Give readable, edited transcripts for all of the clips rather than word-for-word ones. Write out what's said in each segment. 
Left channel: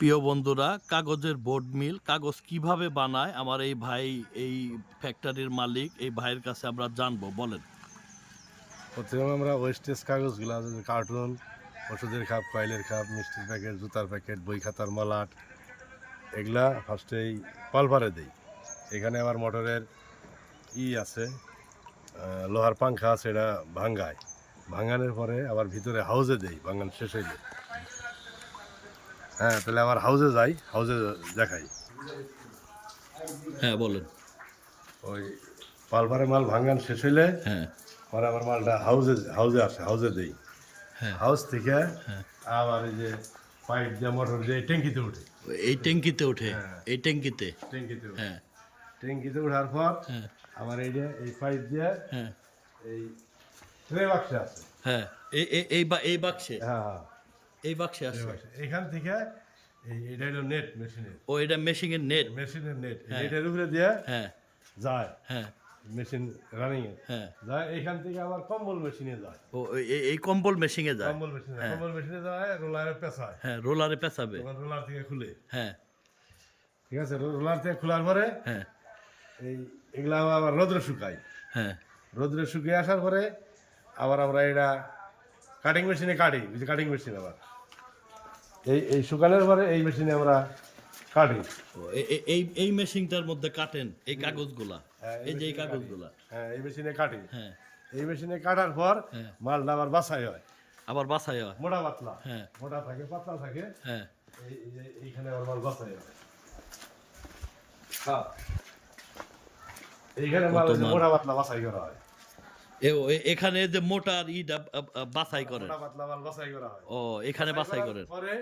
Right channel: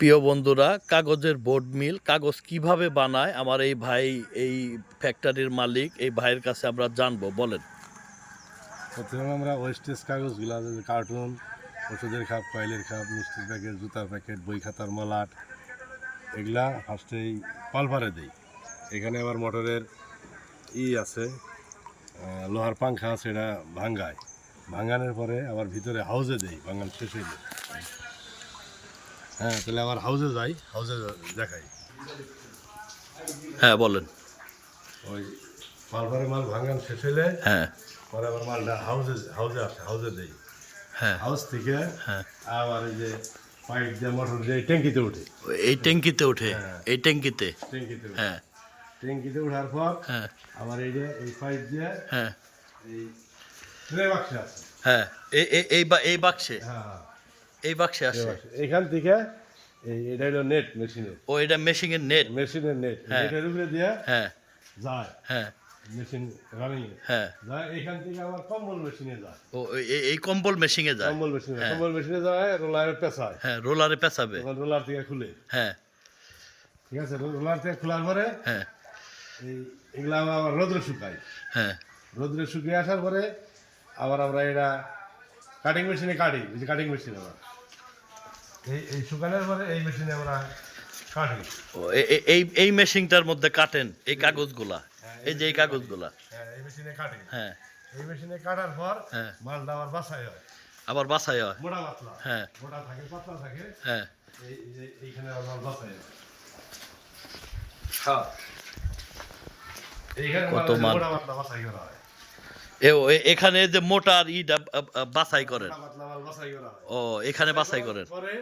প্রিয় বন্ধুরা, কাগজের বোর্ড মিল কাগজ কিভাবে বানায় আমার এই ভাই, এই ফ্যাক্টরির মালিক, এই ভাইয়ের কাছে আমরা জানবো। বলেন। প্রথমে আমরা ওয়েস্টেজ কাগজগুলো আছে, কার্টুন, ওষুধের খাপ, কয়েলের খাপ, মিষ্টির প্যাকেট, জুতার প্যাকেট, বই খাতার মলাট, এগুলা ফার্স্টেই পালপারে দিই। এখানে আবার মোটরের আছে, লোহার পাংখা আছে, এটা ভাঙ্গায়। ভাঙানোর পরে আবার ভিতরে হাউজে দেই, ভাঙান শেষ হয়ে যায়। হ্যাঁ, তাহলে আবার হাউজে যাই, হাউজে দেখাই। হ্যাঁ, বলেন। ওই পালপারে মাল ভাঙান শেষ হইলে হ্যাঁ, পরে আমার মালটা হাউজে হাউজে আসে, হাউজে দেই। হ্যাঁ, হাউস থেকে হ্যাঁ। আবার এই যে পাইপ দিয়ে মোটর দিয়ে ট্যাঙ্কিতে উঠে, এই ট্যাঙ্কিতে ওঠে, এই ট্যাঙ্কিতে। ট্যাঙ্কিতে উঠে। হ্যাঁ, ট্যাঙ্কিতে ওঠার পর হ্যাঁ, আবার এই যে এই পাইপ দিয়ে হ্যাঁ, এই ট্রে বাক্সে আছে। হ্যাঁ। এই বাক্সে, হ্যাঁ, হ্যাঁ, এই বাক্সে ট্রে আসে। বাক্সে। এখান থেকে এটা হলো নেট, মেশিনের ও, এটা মেশিনের নেট। মেশিনের নেট, হ্যাঁ। নেটের উপরে দিয়ে হ্যাঁ, যায় হ্যাঁ, মেশিন রানিং এ হ্যাঁ। যায়। এখান থেকে আবার কম্বল মেশিনে যায়, ও, এই কম্বল মেশিনে যায়। কম্বল মেশিনে, হ্যাঁ। কম্বল মেশিনে যায়, রোলারে পেঁচায়, হ্যাঁ, রোলারে পেঁচাবে। তখন রোলার থেকে খুলে। হ্যাঁ, ঠিক আছে, রোলার থেকে খোলার পরে হ্যাঁ, এগুলা আবার রোদ্রে শুকাই। হ্যাঁ। রোদ্রে শুকিয়ে আসার পরে আবার আমরা এটা কাটিং মেশিনে কাটি, ওই যে কাটিং মেশিন আবার এই শুকানোর পরে এই মেশিনে আমরা কাটি। ও, এই মেশিনটার মধ্যে কাটেন এই কাগজগুলা, এই যে এই কাগজগুলা। হ্যাঁ, এই মেশিনে কাটি। হ্যাঁ, এই মেশিনে কাটার পর হ্যাঁ। মালটা আবার বাছাই হয়, আবার বাছাই হয়। মোটা পাতলা। হ্যাঁ, মোটা থাকে, পাতলা থাকে। হ্যাঁ। এই যে এইখানে আবার বাছাই হয়। হ্যাঁ, এইখানে কত মাল। মোটা পাতলা বাছাই করা হয়। এখানে যে মোটার ইটা বাছাই করেন। মোটা পাতলা মাল বাছাই করা হয়। ও, এখানে বাছাই করেন। পরে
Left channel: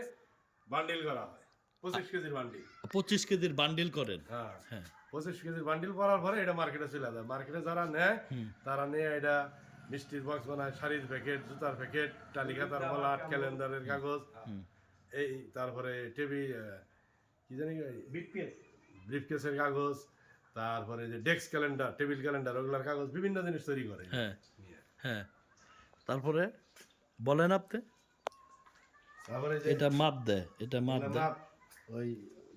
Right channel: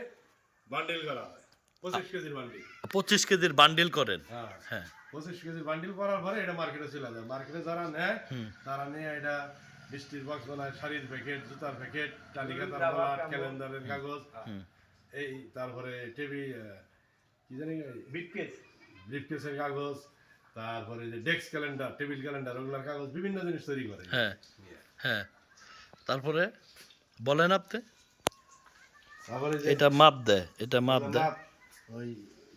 বান্ডিল করা হয়, 25 কেজির বান্ডিল। 25 কেজির বান্ডিল করেন। হ্যাঁ, হ্যাঁ, 25 কেজির বান্ডিল করার পরে এটা মার্কেটে চলে যায়। মার্কেটে যারা নেয় তারা নিয়ে এটা মিষ্টির বক্স বানায়, শাড়ির প্যাকেট, জুতার প্যাকেট, টালি খাতার মলাট, ক্যালেন্ডারের কাগজ, এই তারপরে টেবিল, কি জানি ব্রিফকেসের কাগজ, তারপরে যে ডেস্ক ক্যালেন্ডার, টেবিল ক্যালেন্ডার, ওগুলার কাগজ, বিভিন্ন জিনিস তৈরি করে। হ্যাঁ, হ্যাঁ। তারপরে বলেন আপনি। তারপরে যে এটা মাপ দেয়, এটা মাপ দেয়। মাপ ওই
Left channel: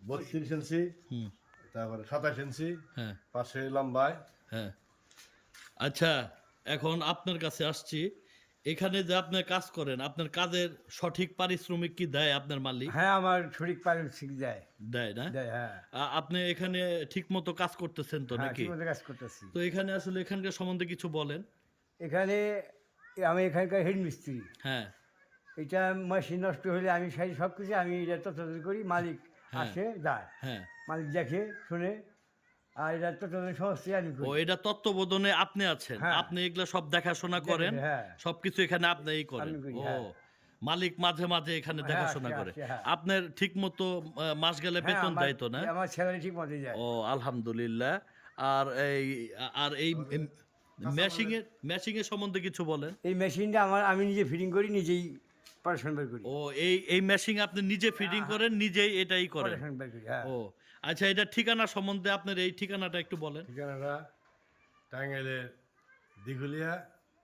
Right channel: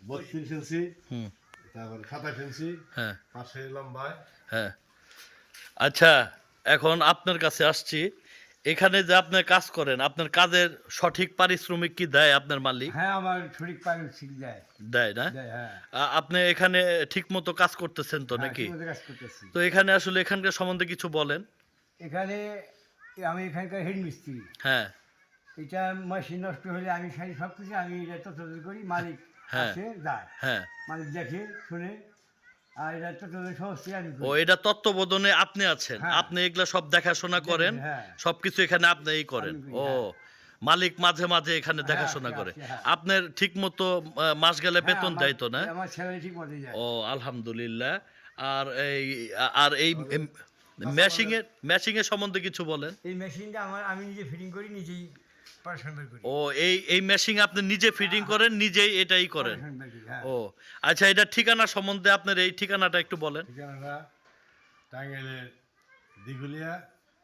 32 ইঞ্চি, হুম, তারপরে 27 ইঞ্চি, হ্যাঁ, পাশে লম্বায়। হ্যাঁ। আচ্ছা, এখন আপনার কাছে আসছি। এখানে যে আপনি কাজ করেন, আপনার কাজের সঠিক পারিশ্রমিক কি দেয় আপনার মালিক? হ্যাঁ, আমার সঠিক পারিশ্রমিক দেয়। দেয় না? দেয়, হ্যাঁ। আপনি এখানে ঠিক মতো কাজ করতেছেন তো হ্যাঁ, নাকি? ঠিকমতো কাজ করতেছি। তো এখানে আসলে এখানকার সম্বন্ধে কিছু বলেন। এখানে আমি এখানকার হেড মিস্ত্রি। হ্যাঁ, এটা মেশিন নষ্ট হলে আমি সারি সব কিছু আমি এটা তত্ত্বাবধান করি। মালিক হ্যাঁ। আসে যায়, হ্যাঁ। মালিক দেখে শুনে, আর এটা তত্ত্বাবধান সমস্ত আমি ও, করি। এটা তত্ত্বাবধানে আপনি আছেন। হ্যাঁ। আপনি এগুলা সব দেখাশোনা করেন। হ্যাঁ। সবকিছু এখানে আপনিই করেন। আমি করি, ও, হ্যাঁ। মালিক মাঝে মাঝে এখানে দেখাশোনা আসে, করে। আসে, হ্যাঁ। আপনার ঠিক মতো মাস গেলে হ্যাঁ, বেতন দেয় তো না? আমার স্যালারি ঠিক মতো যায়। ও, আলহামদুলিল্লাহ। আর এই মেশিংয়ের সম্বন্ধে কিছু বলেন। এই মেশিনটা আমি নিজে ফিটিং করি, নিজেই পড়াশোনা বের করি। ও, এই মেশিং আপনি নিজে ফিটিং করেন, নিজেই এটাই করেন। পড়াশোনা বের করি, হ্যাঁ। ও, আচ্ছা, এটা ঠিকানা সম্বন্ধে আপনার এই ঠিকানাটা একটু বলেন। ঠিকানাটা টাঙ্গাইলের দিঘুলিয়া,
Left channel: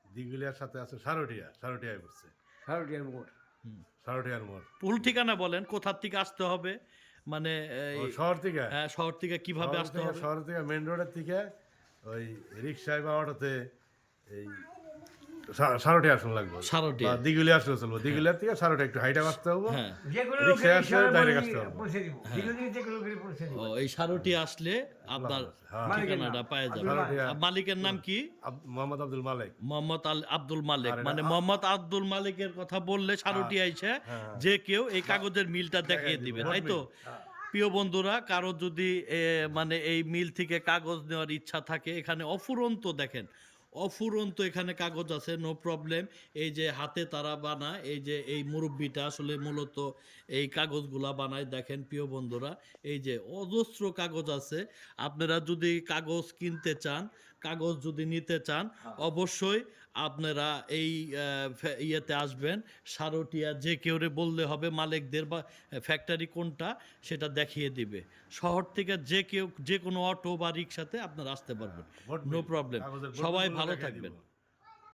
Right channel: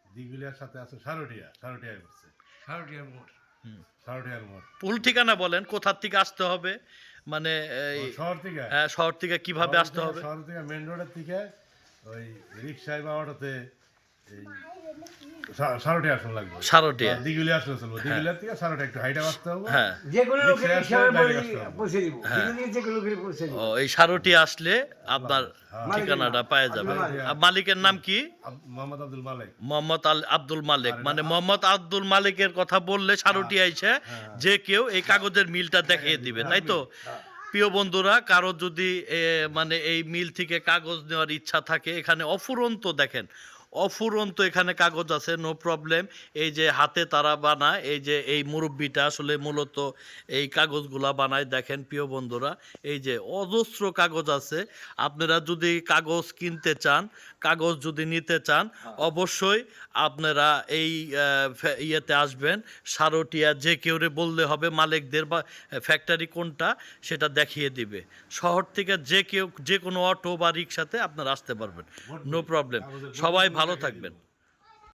দিঘুলিয়ার সাথে আছে সারটিয়া, সারটিয়ায় পড়ছে, ভারতীয় মোড়। সারটিয়ার মোড়। ফুল ঠিকানা বলেন, কোথার থেকে আসতে হবে, মানে শহর থেকে, হ্যাঁ, শহর থেকে কিভাবে আসতে হবে? শহর থেকে মেন রোডের থেকে ওই রিক্সায় বা অটোতে এই সারটিয়া আসন লাগবে। সারটিয়া। দিঘুলিয়া আসলে চলবো, দিঘুলিয়ার থেকে সারটিয়া একটু হাইটা আসতে হবে। হ্যাঁ। যে কোনো রিক্সায় লোকের আসলে হিসাবে direct আসতে হবে। পৌঁছে দিব, যে কোনো লোকের পৌঁছে দিব। ও, এই সারটি আসলে আপনার ঠিকানাটা পাওয়া যাবে। আর মালিকের নাম কি? মোহাম্মদ আব্দুল মালিক। মোহাম্মদ আব্দুল মালিক। মানে মোহাম্মদ আব্দুল মালিকের কথা বললে সারটি আইছে, যে কেউ এই কাগজের মিলটা দেখিয়ে দিবে, তাই তো? প্রিয় বন্ধুরা, কারো যদি মানে এই মিল থেকে কাগজ নেওয়ার ইচ্ছা থাকে, এখানে অফুরন্ত দেখেন, অফুরন্ত এখানে কাগজ আছে, নো প্রবলেম। এই যে হাতে তারা বানায়, এই যে এই মুরব্বিটা আসলে মূলত এই কাগজগুলা বানায়। দেখেন প্রিয় বন্ধুরা, এই যে অজস্র কাগজ আছে। আপনারা যদি কাগজ কিনতে চান, কাগজ যদি নিতে চান, অবশ্যই আপনারা এই ইয়েতে আসবেন, সারটিয়া। যে কেউরে বললে হবে মালিকদের বা ফ্যাক্টরি কোনটা সেটা দেখিয়ে দিবে। শহর থেকে যে কেউ, যে কোনো অটো বা রিক্সাতে আপনারা আসতে পারবেন, নো প্রবলেম। সবাই ভালো থাকবেন।